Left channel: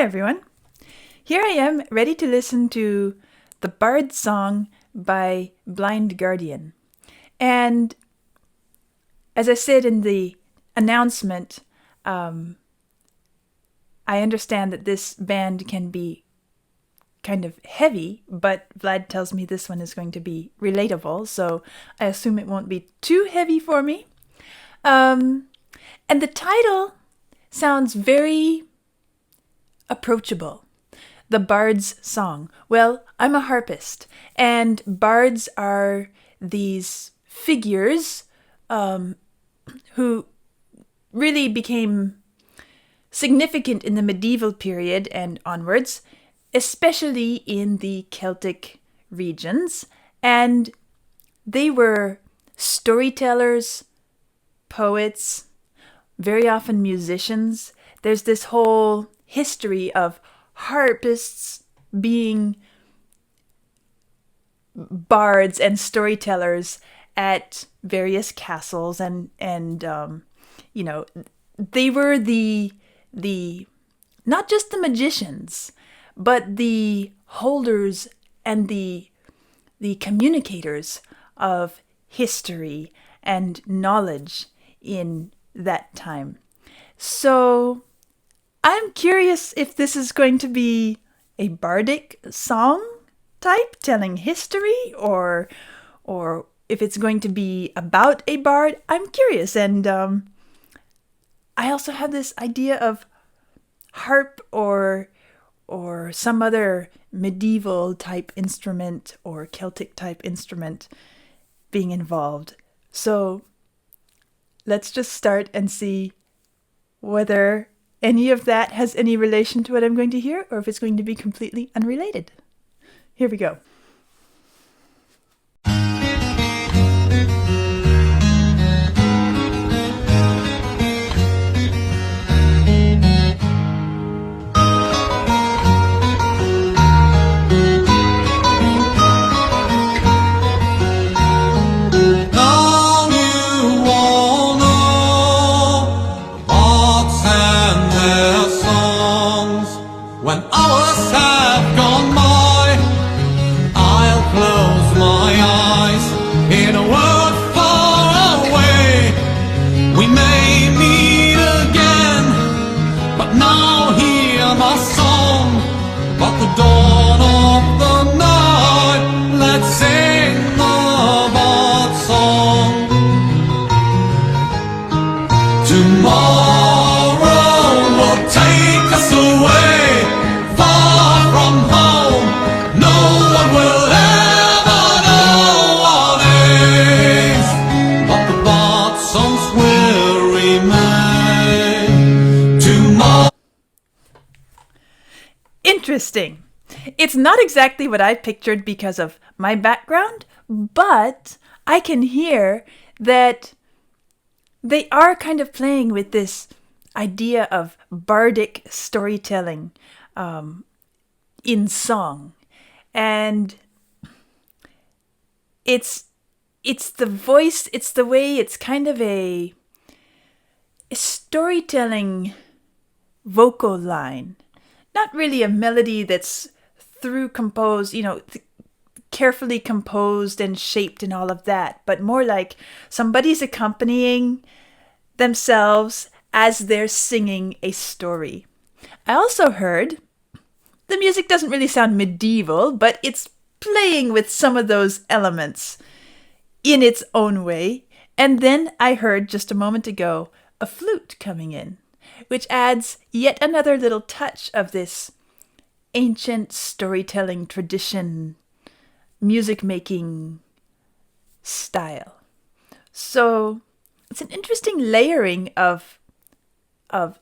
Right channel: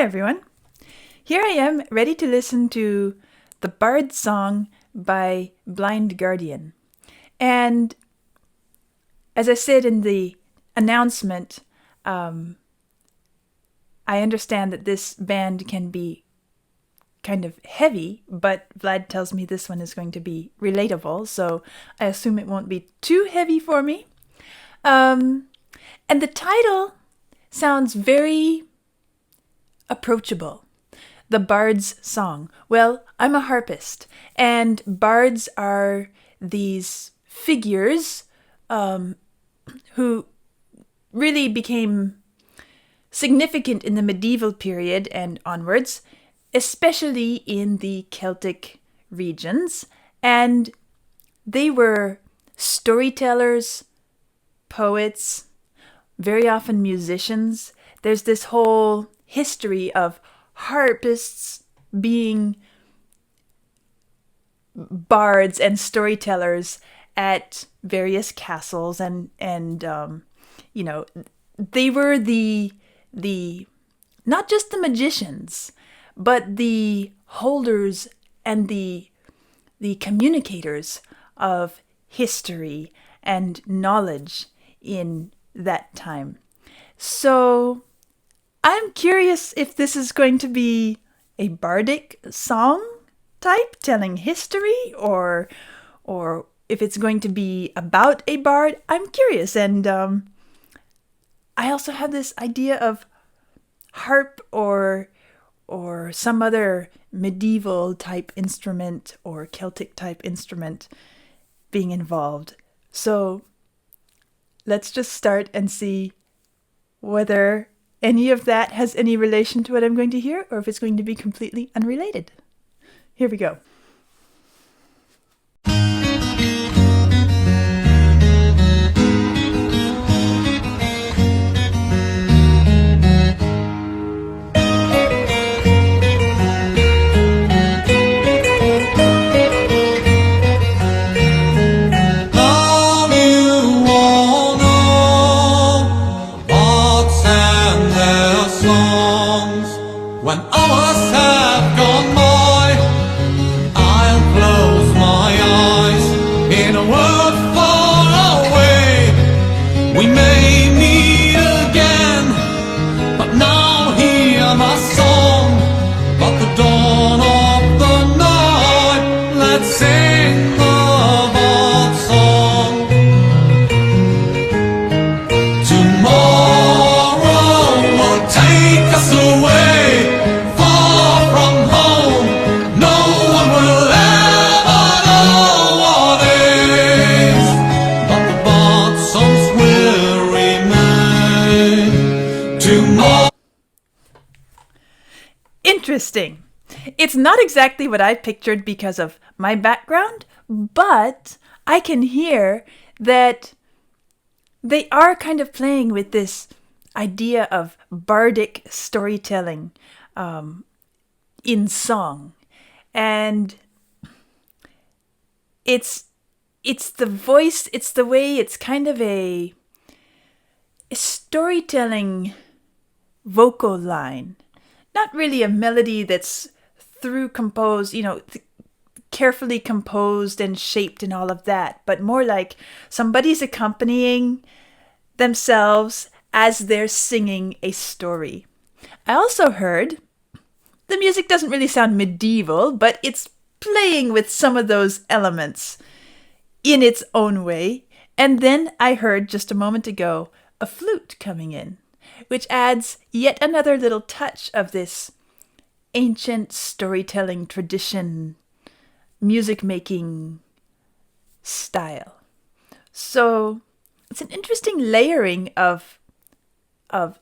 Hi everyone. Here I am ready to listen to the Bard song by Blind Guardian. And as I said in the announcement, I understand that this band can be kind of heavy, but Vlad tells me this one is going to be relatable, so I assume it won't be too heavy for me. And the title sounds very approachable. The Bard's Song. Well, I'm a harpist, and bards are these figures who really became significant in the medieval period and onwards, especially in the Celtic regions. And they were storytellers, poets, very often musicians. There's this whole history of harpists being bards and storytellers at various castles, and they were the not just the magicians, but the holders and the communicators of history and knowledge in that time. So I'm curious if this is going to be a bardic song type telling history, or if it's going to be about a bard. I'm curious, and I also have this idea of harp or some other medieval type instrument or Celtic type instrument being involved. So let's just start and see whether any of that has any relation to what I'm going to hear, or if it's going to be completely unrelated. Here we go. When hours have gone by, I'll close my eyes in a world far away. We may meet again, but now hear my song about the dawn of the night. Let's sing the bard song. Tomorrow will take us away. Interesting. It's not exactly what I pictured because of my background, but I can hear that they are kind of playing with this idea of bardic storytelling in song. And it's the voice, it's the way, it's kind of a storytelling vocal line. Not really a melody that's composed, carefully composed and shaped and all of that, but more like somebody's accompanying themselves as they're singing a story. I also heard the music doesn't really sound medieval, but it's playing with some of those elements in its own way. And then I heard just a moment ago a flute coming in, which adds yet another little touch of this ancient storytelling tradition, music-making style. So it's an interesting layering of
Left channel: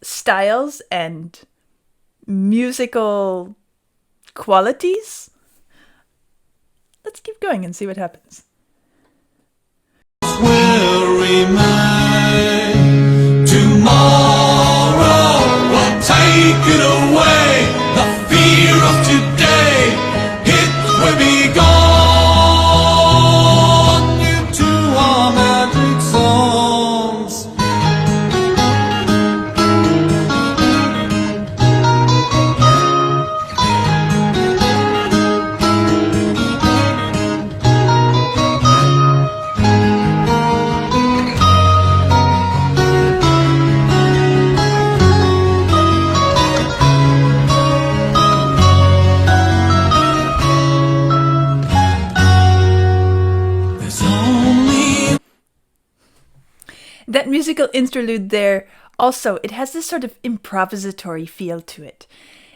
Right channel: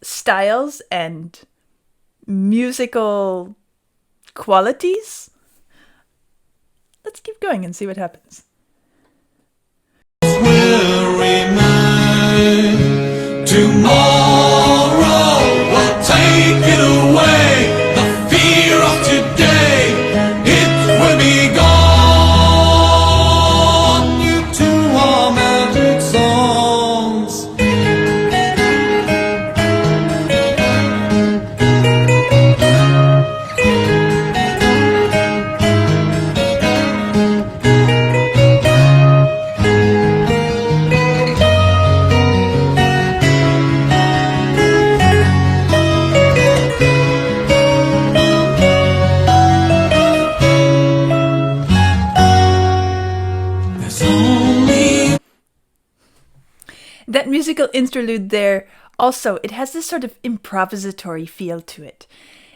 styles and musical qualities. Let's keep going and see what happens. Will remain tomorrow. Take it away, the fear of today, it will be gone. You two are magic songs. that musical interlude there also, it has this sort of improvisatory feel to it.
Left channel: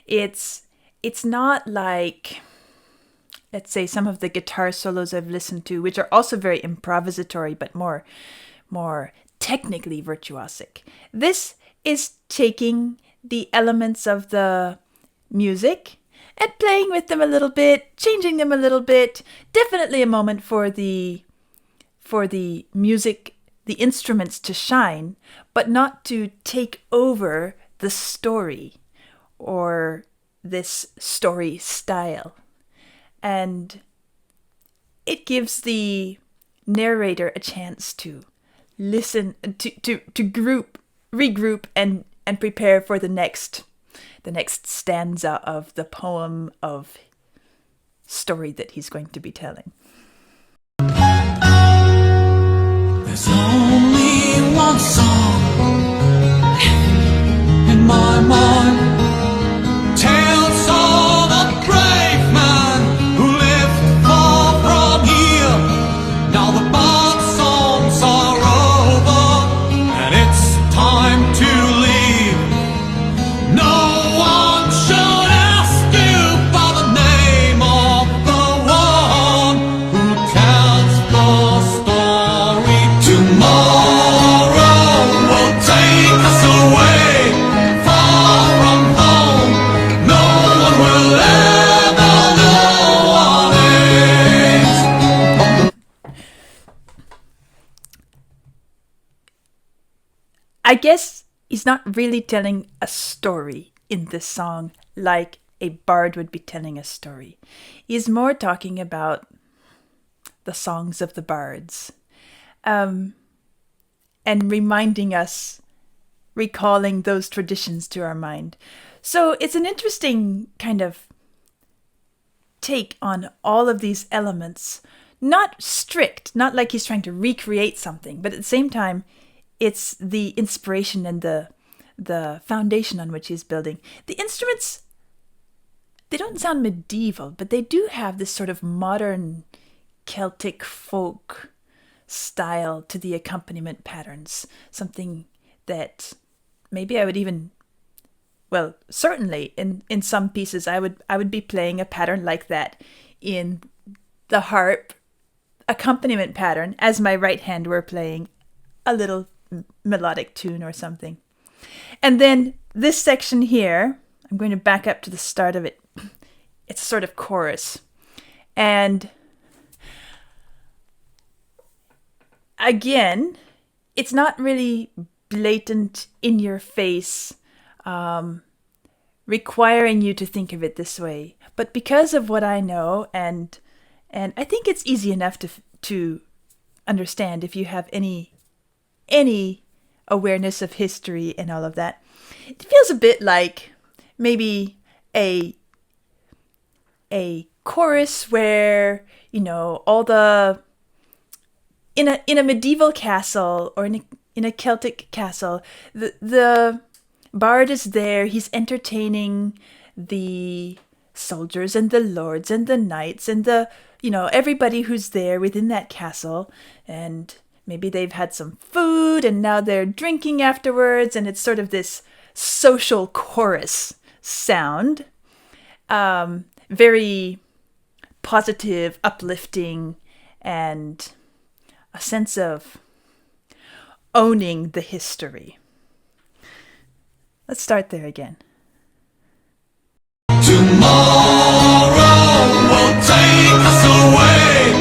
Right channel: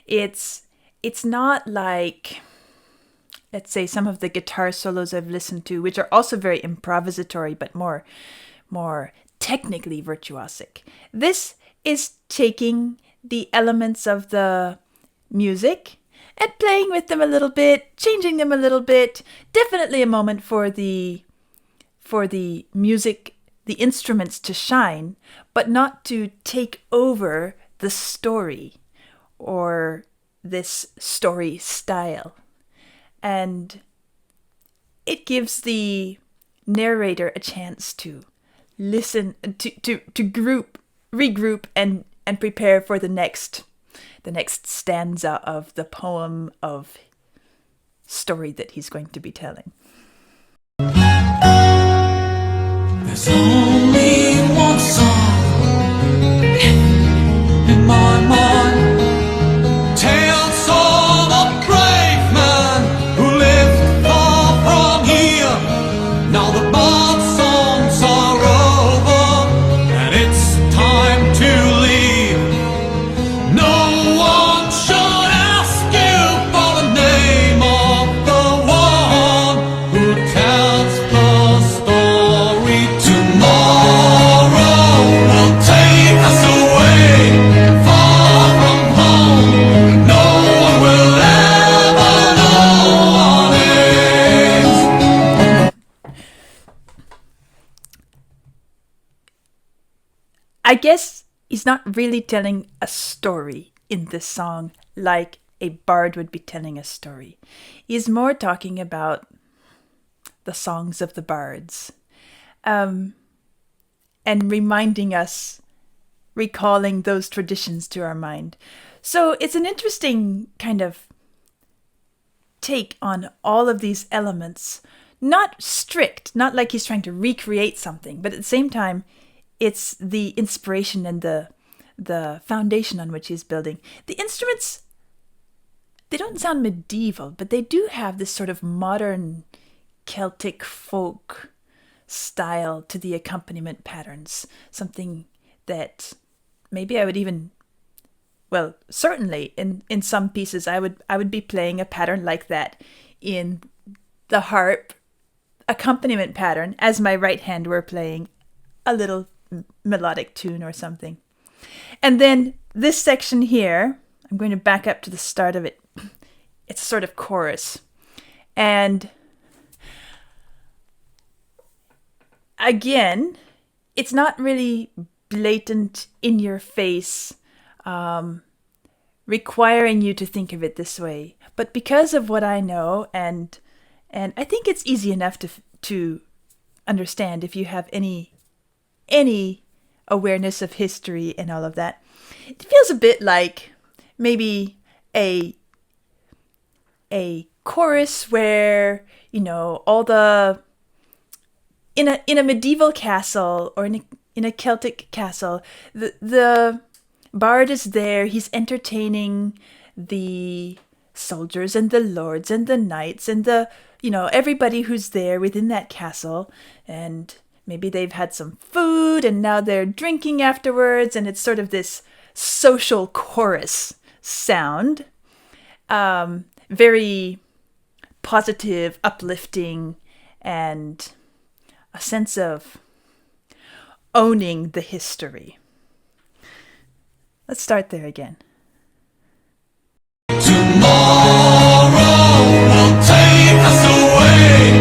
It's not like, let's say, some of the guitar solos I've listened to, which are also very improvisatory but more technically virtuosic. This is taking the elements of the music and playing with them a little bit, changing them a little bit. Definitely a moment for the music, the instruments to shine, but not to take over the story or this story style. And it gives the narrator a chance to listen, to regroup and prepare for the next stanza of the poem of story that he's going to be telling. There's only one song in my mind, tales of a brave man who lived far from here. Now the bard songs are over and it's time to leave. No one should ask you for the name of the one who tells the story. Tomorrow will take us away, far from home. No one will ever know our names. I guess he's not really telling a story in this song like a bard would be telling a story. He's more talking about the songs of the bards, and reminding us, recalling those traditions to our mind. So it's an interesting kind of take on all of these elements. Not strict, not like he's trying to recreate something, but at the same time, it's the inspiration and the foundation on which he's building. The instruments, they don't sound medieval, but they do have this sort of modern Celtic folk style to the accompaniment patterns. Something that maybe I would even, well, certainly in some pieces I would be playing a pattern like that in the harp accompaniment pattern as my right hand were playing a little melodic tune or something. And then this section here, I'm going to back up to the start of it. It's a sort of chorus. And again, it's not really blatant, in your face, requiring you to think of it this way. But because of what I know, and I think it's easy enough to understand if you have any awareness of history and all of that. It feels a bit like maybe a chorus where, you know, all the in a medieval castle or in a Celtic castle, the bard is there, he's entertaining the soldiers and the lords and the knights and the, you know, everybody who's there within that castle, and maybe they've had some food and now they're drinking afterwards, and it's sort of this social chorus sound. Very positive, uplifting, and a sense of owning the history. Let's start there again. Tomorrow will take us away,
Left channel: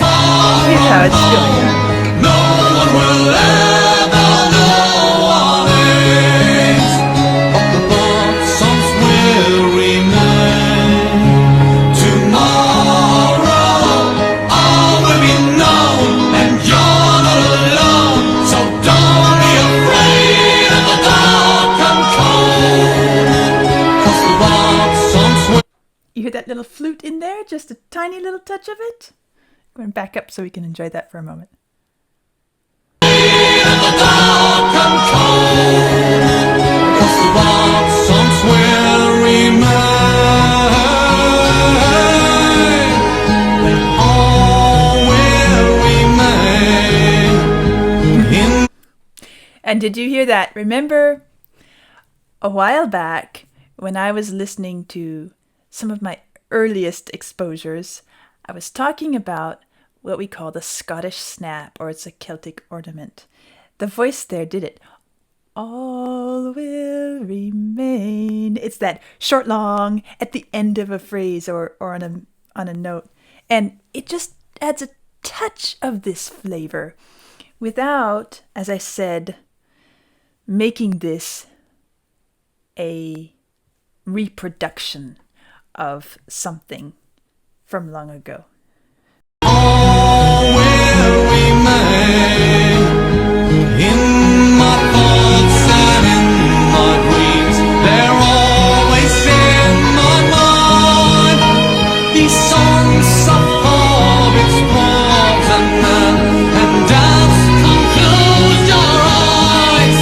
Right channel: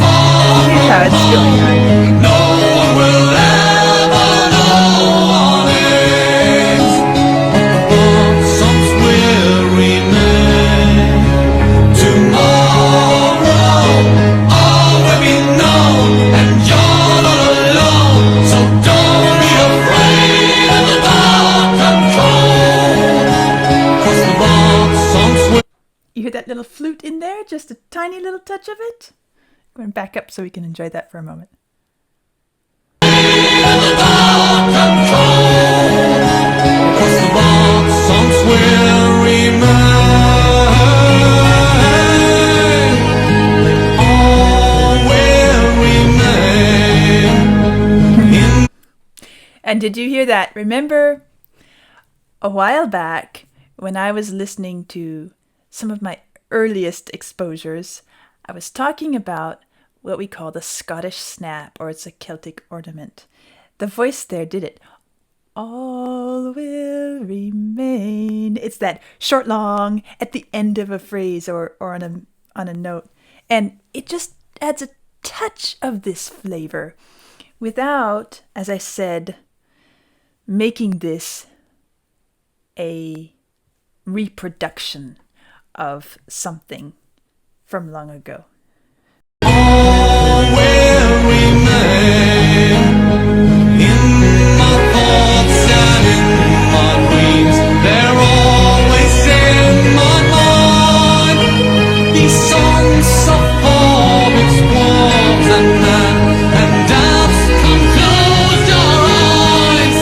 far You hear how from it's going on. home. No one will ever know our names, but the bird songs will remain. Tomorrow all will be known, and you're not alone. So don't be afraid of the dark and cold, 'cause the bird songs will. You hear that little flute in there? Just a tiny little touch of it? I'm going to back up so we can enjoy that for a moment. Cause the bard songs will remain. They all will remain. And did you hear that? Remember a while back when I was listening to some of my earliest exposures, I was talking about what we call the Scottish snap, or it's a Celtic ornament. The voice there did it. All will remain. It's that short long at the end of a phrase or on a note. And it just adds a touch of this flavor without, as I said, making this a reproduction of something from long ago. All will remain in my thoughts and in my dreams. They're always in my mind. These songs of hobbits, dwarves and men, and elves, come close your eyes.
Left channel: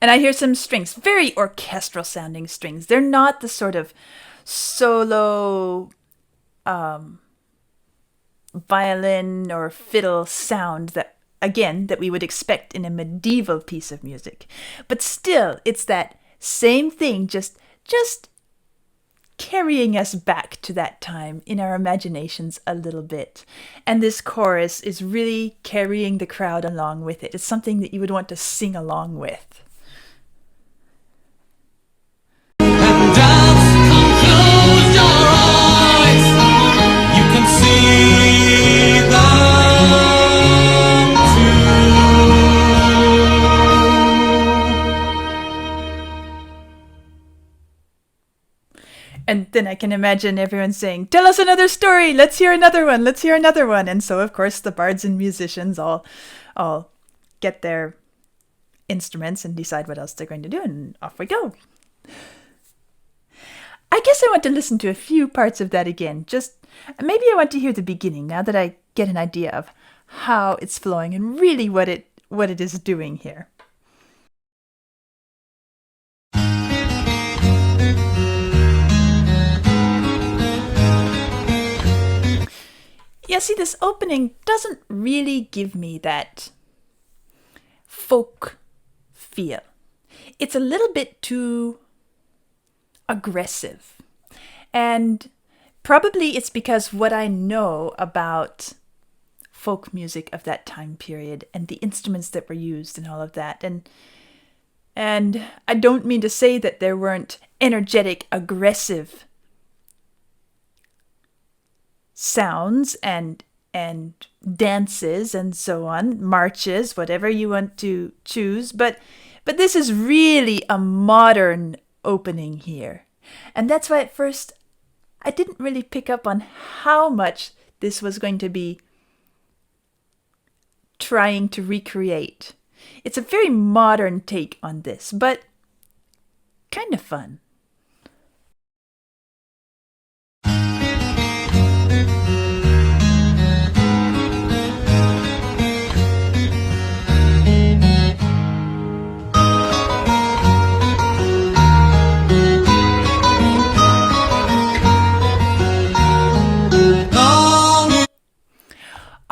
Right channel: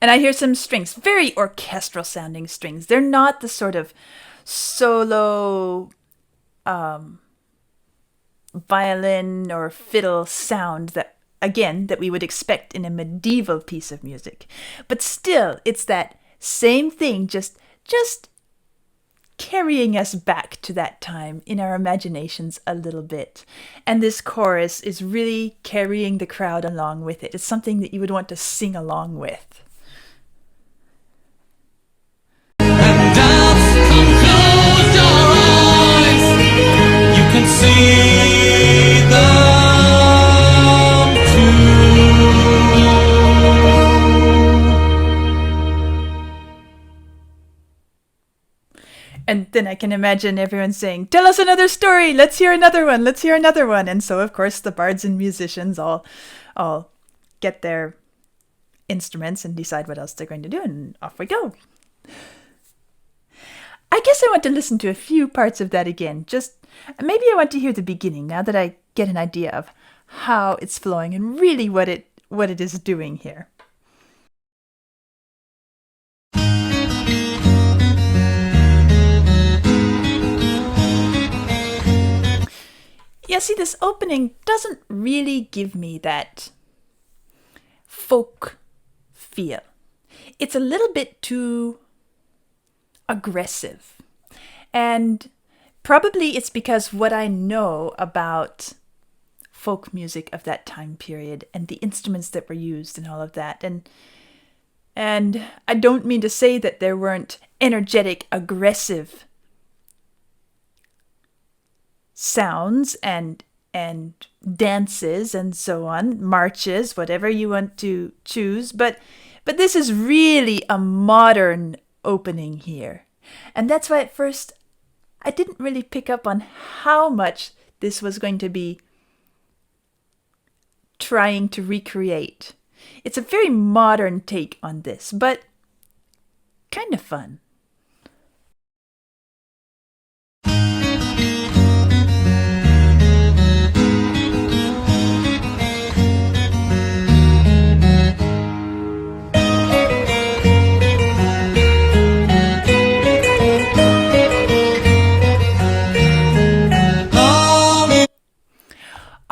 And I hear some strings, very orchestral sounding strings. They're not the sort of solo violin or fiddle sound that we would expect in a medieval piece of music. But still, it's that same thing, just carrying us back to that time in our imaginations a little bit. And this chorus is really carrying the crowd along with it. It's something that you would want to sing along with. And elves, come close your eyes. You can see them too. And then I can imagine everyone saying, "Tell us another story. Let's hear another one. Let's hear another one." And so, of course, the bards and musicians all get their instruments and decide what else they're going to do, and off we go. I guess I want to listen to a few parts of that again. Just maybe I want to hear the beginning now that I get an idea of how it's flowing and really what it is doing here. Yeah, see, this opening doesn't really give me that folk feel. It's a little bit too aggressive. And probably it's because what I know about folk music of that time period and the instruments that were used and all of that. And I don't mean to say that there weren't energetic, aggressive sounds and dances and so on, marches, whatever you want to choose, but this is really a modern opening here. And that's why at first I didn't really pick up on how much this was going to be trying to recreate. It's a very modern take on this, but kind of fun.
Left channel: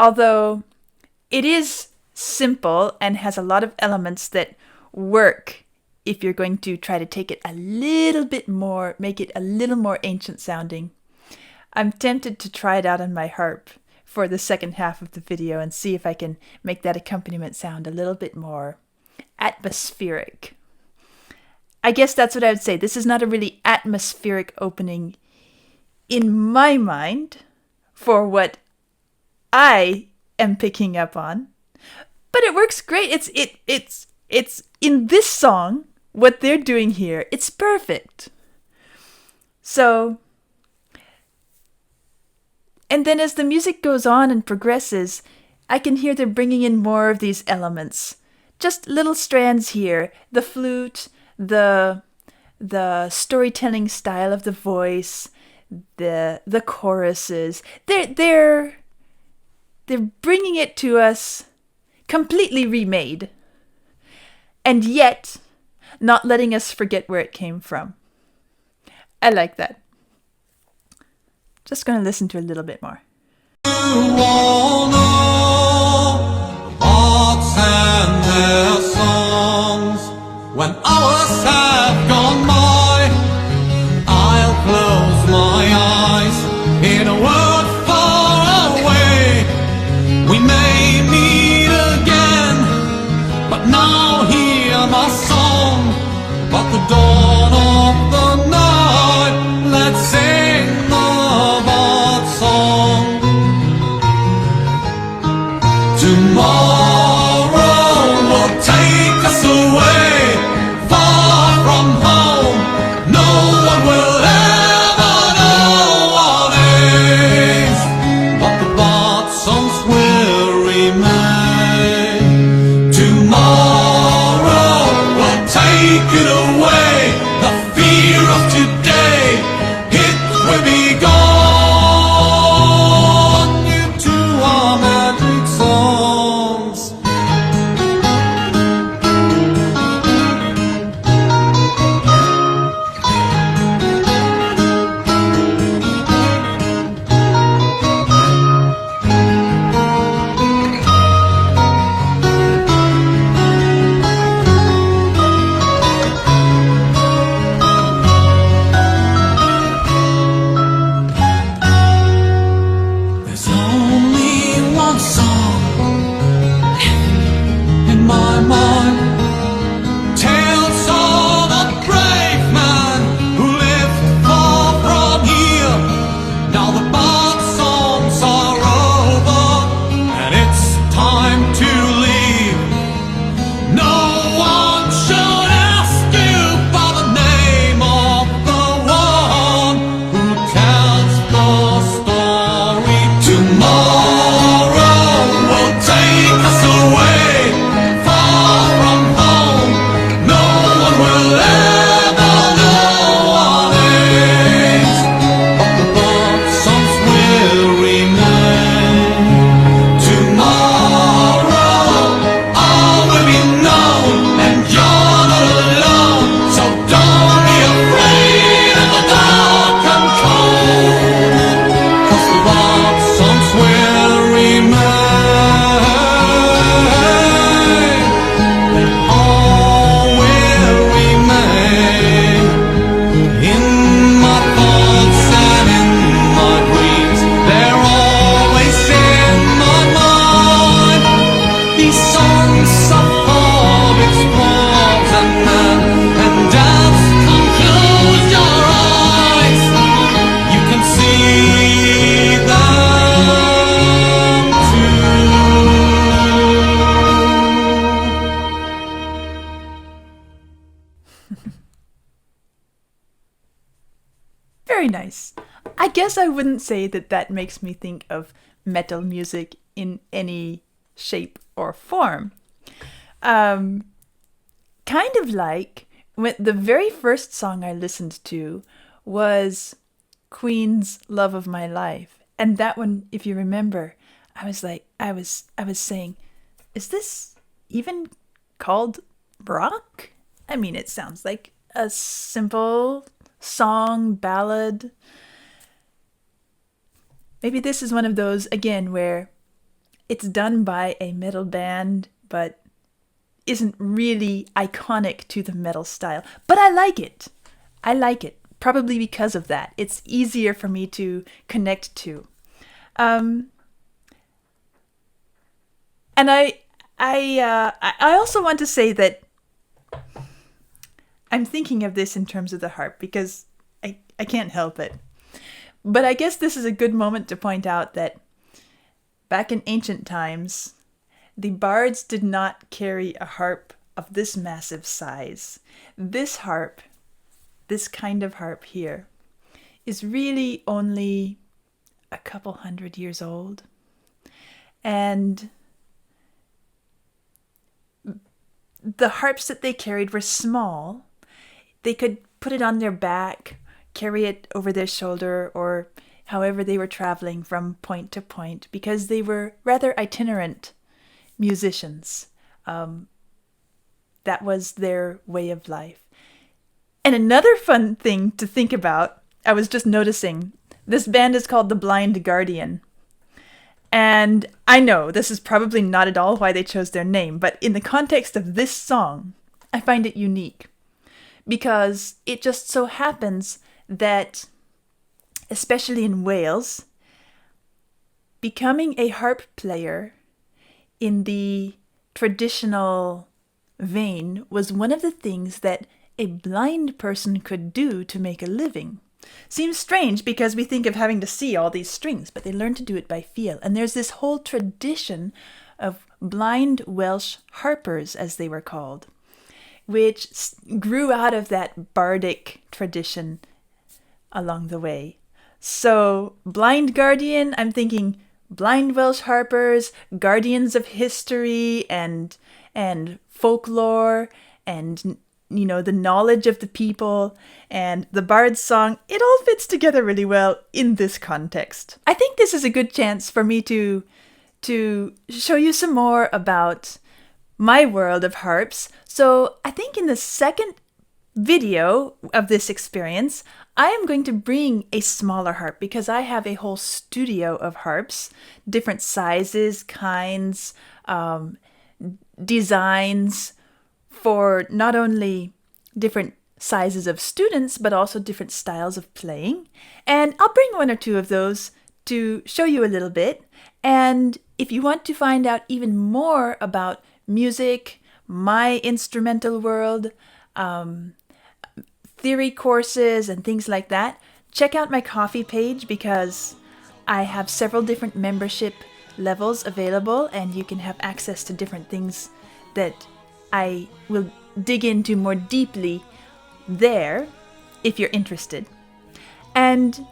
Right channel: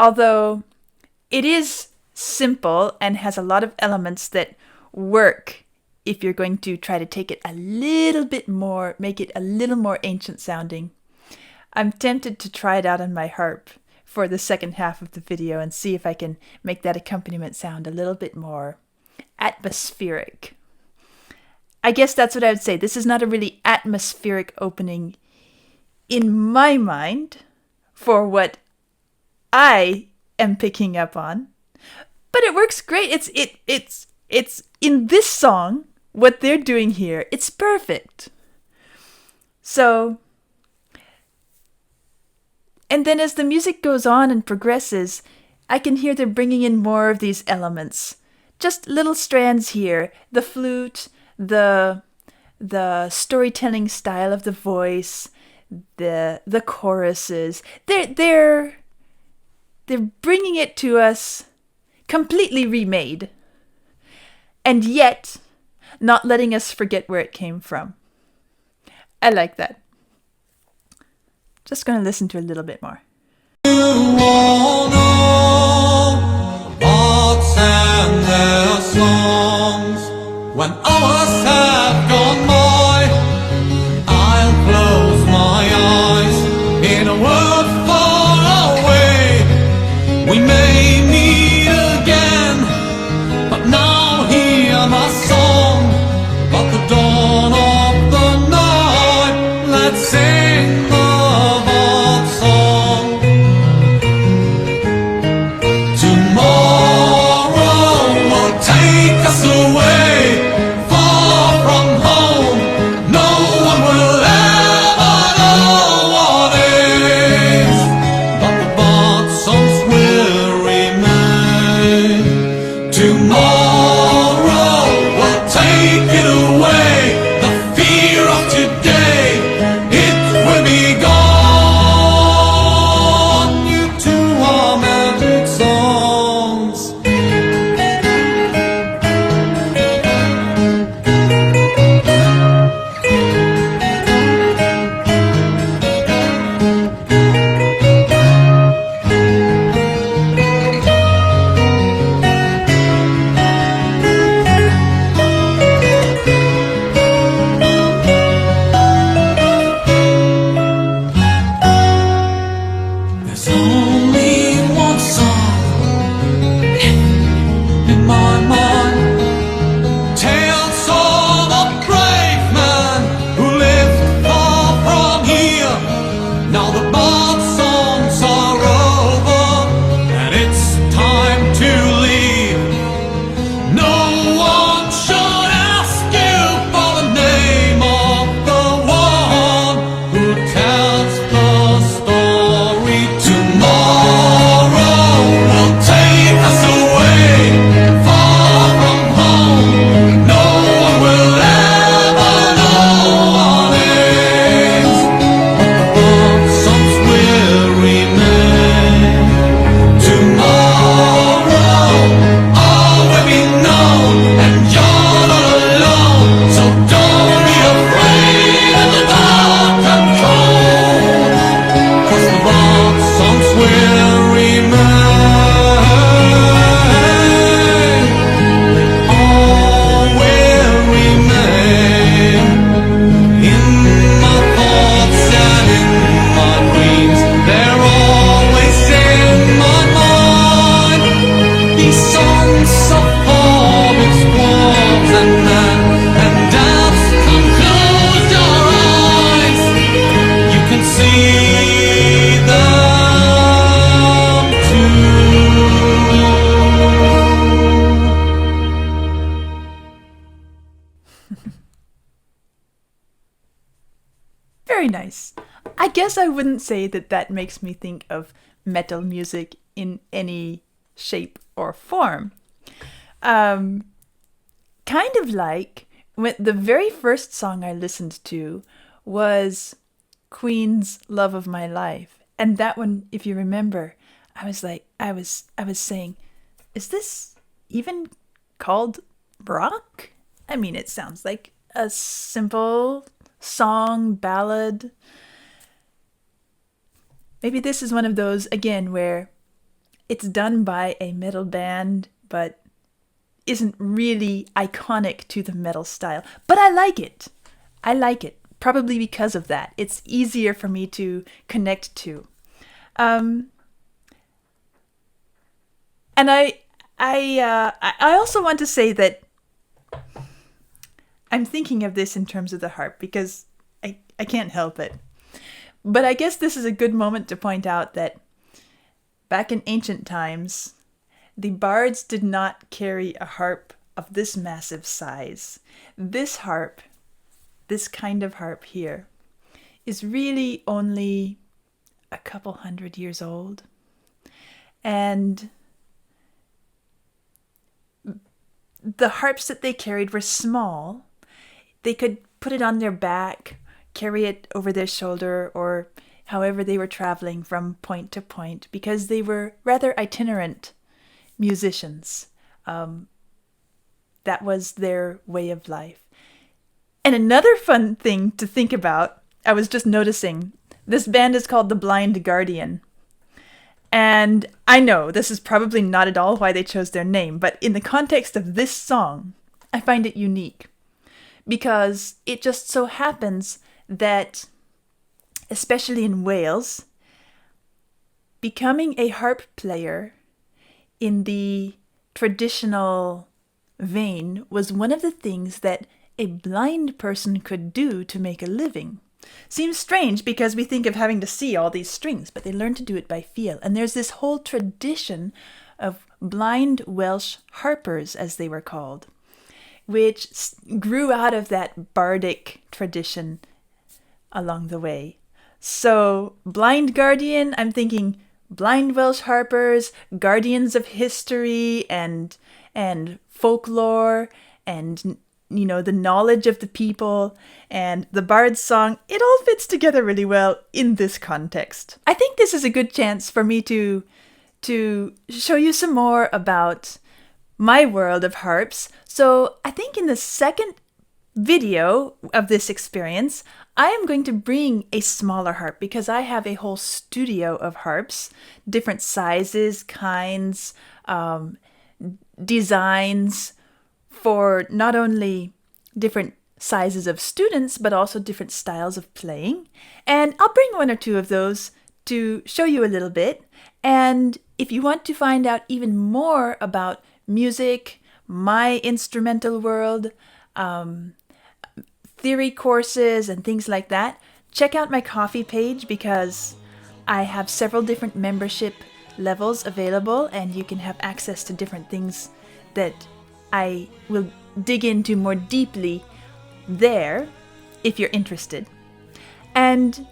Although it is simple and has a lot of elements that work if you're going to try to take it a little bit more, make it a little more ancient sounding. I'm tempted to try it out on my harp for the second half of the video and see if I can make that accompaniment sound a little bit more atmospheric. I guess that's what I would say. This is not a really atmospheric opening in my mind for what I am picking up on, but it works great. It's in this song, what they're doing here, it's perfect. So, and then as the music goes on and progresses, I can hear they're bringing in more of these elements. Just little strands here, the flute, the storytelling style of the voice, the choruses. They're bringing it to us completely remade, and yet not letting us forget where it came from. I like that. Just going to listen to a little bit more. You all know the bards and their when hours have gone by, I'll close my eyes in a world far away. We may meet again, but now hear my song. But the dawn of the night, let's sing the bard song. Tomorrow will take us away, far from home. No one will ever know what is, but the bard songs will remain. Tomorrow will take it away, the fear of today, it will be gone. You two are magic songs. There's only one song in my mind, tales of a brave man who lived far from here. Now the bard songs are over, and it's time to leave. No one should ask you for the name of the one who tells the story. Tomorrow will take us away, far from home. No one will ever know what is, but the bard songs will remain. Tomorrow all will be known, and you're not alone. So don't be afraid of the dark and cold, 'cause the bard songs will remain. They all will remain in my thoughts and in my dreams. They're always in my mind. These songs of hobbits, dwarves, and men, and elves, come close your eyes. You can see them too. Very nice. I guess I wouldn't say that that makes me think of metal music in any shape or form. Kind of like when the very first song I listened to was Queen's Love of My Life. And that one, if you remember, I was saying, is this even called rock? I mean, it sounds like a simple song, ballad. Maybe this is one of those, again, where it's done by a metal band, but isn't really iconic to the metal style. But I like it. I like it. Probably because of that. It's easier for me to connect to. And I also want to say that I'm thinking of this in terms of the harp because I can't help it. But I guess this is a good moment to point out that back in ancient times, the bards did not carry a harp of this massive size. This harp, this kind of harp here, is really only a couple 100 years old. And the harps that they carried were small. They could put it on their back, carry it over their shoulder, or however they were traveling from point to point, because they were rather itinerant musicians. That was their way of life. And another fun thing to think about, I was just noticing, this band is called The Blind Guardian. And I know this is probably not at all why they chose their name, but in the context of this song, I find it unique because it just so happens that, especially in Wales, becoming a harp player in the traditional vein was one of the things that a blind person could do to make a living. Seems strange because we think of having to see all these strings, but they learn to do it by feel. And there's this whole tradition of blind Welsh harpers, as they were called, which grew out of that bardic tradition along the way. So, blind guardian, I'm thinking blind Welsh harpers, guardians of history and folklore and the knowledge of the people, and the bard's song. It all fits together really well in this context. I think this is a good chance for me to show you some more about my world of harps. So I think in the second video of this experience, I am going to bring a smaller harp because I have a whole studio of harps, different sizes, kinds, designs, for not only different sizes of students, but also different styles of playing. And I'll bring one or two of those to show you a little bit. And if you want to find out even more about music, my instrumental world, theory courses, and things like that, check out my Ko-fi page because I have several different membership levels available, and you can have access to different things that I will dig into more deeply there if you're interested. And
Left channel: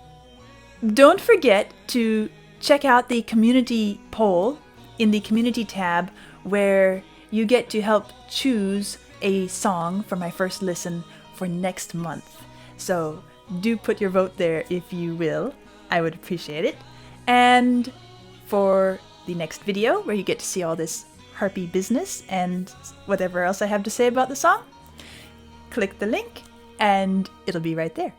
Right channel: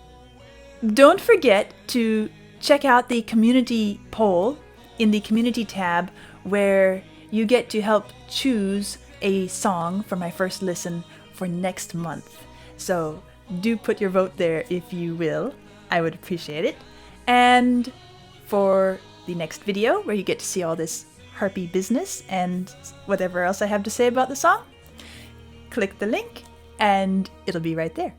don't forget to check out the community poll in the community tab where you get to help choose a song for my first listen for next month. So do put your vote there if you will. I would appreciate it. And for the next video where you get to see all this harpy business and whatever else I have to say about the song, click the link and it'll be right there.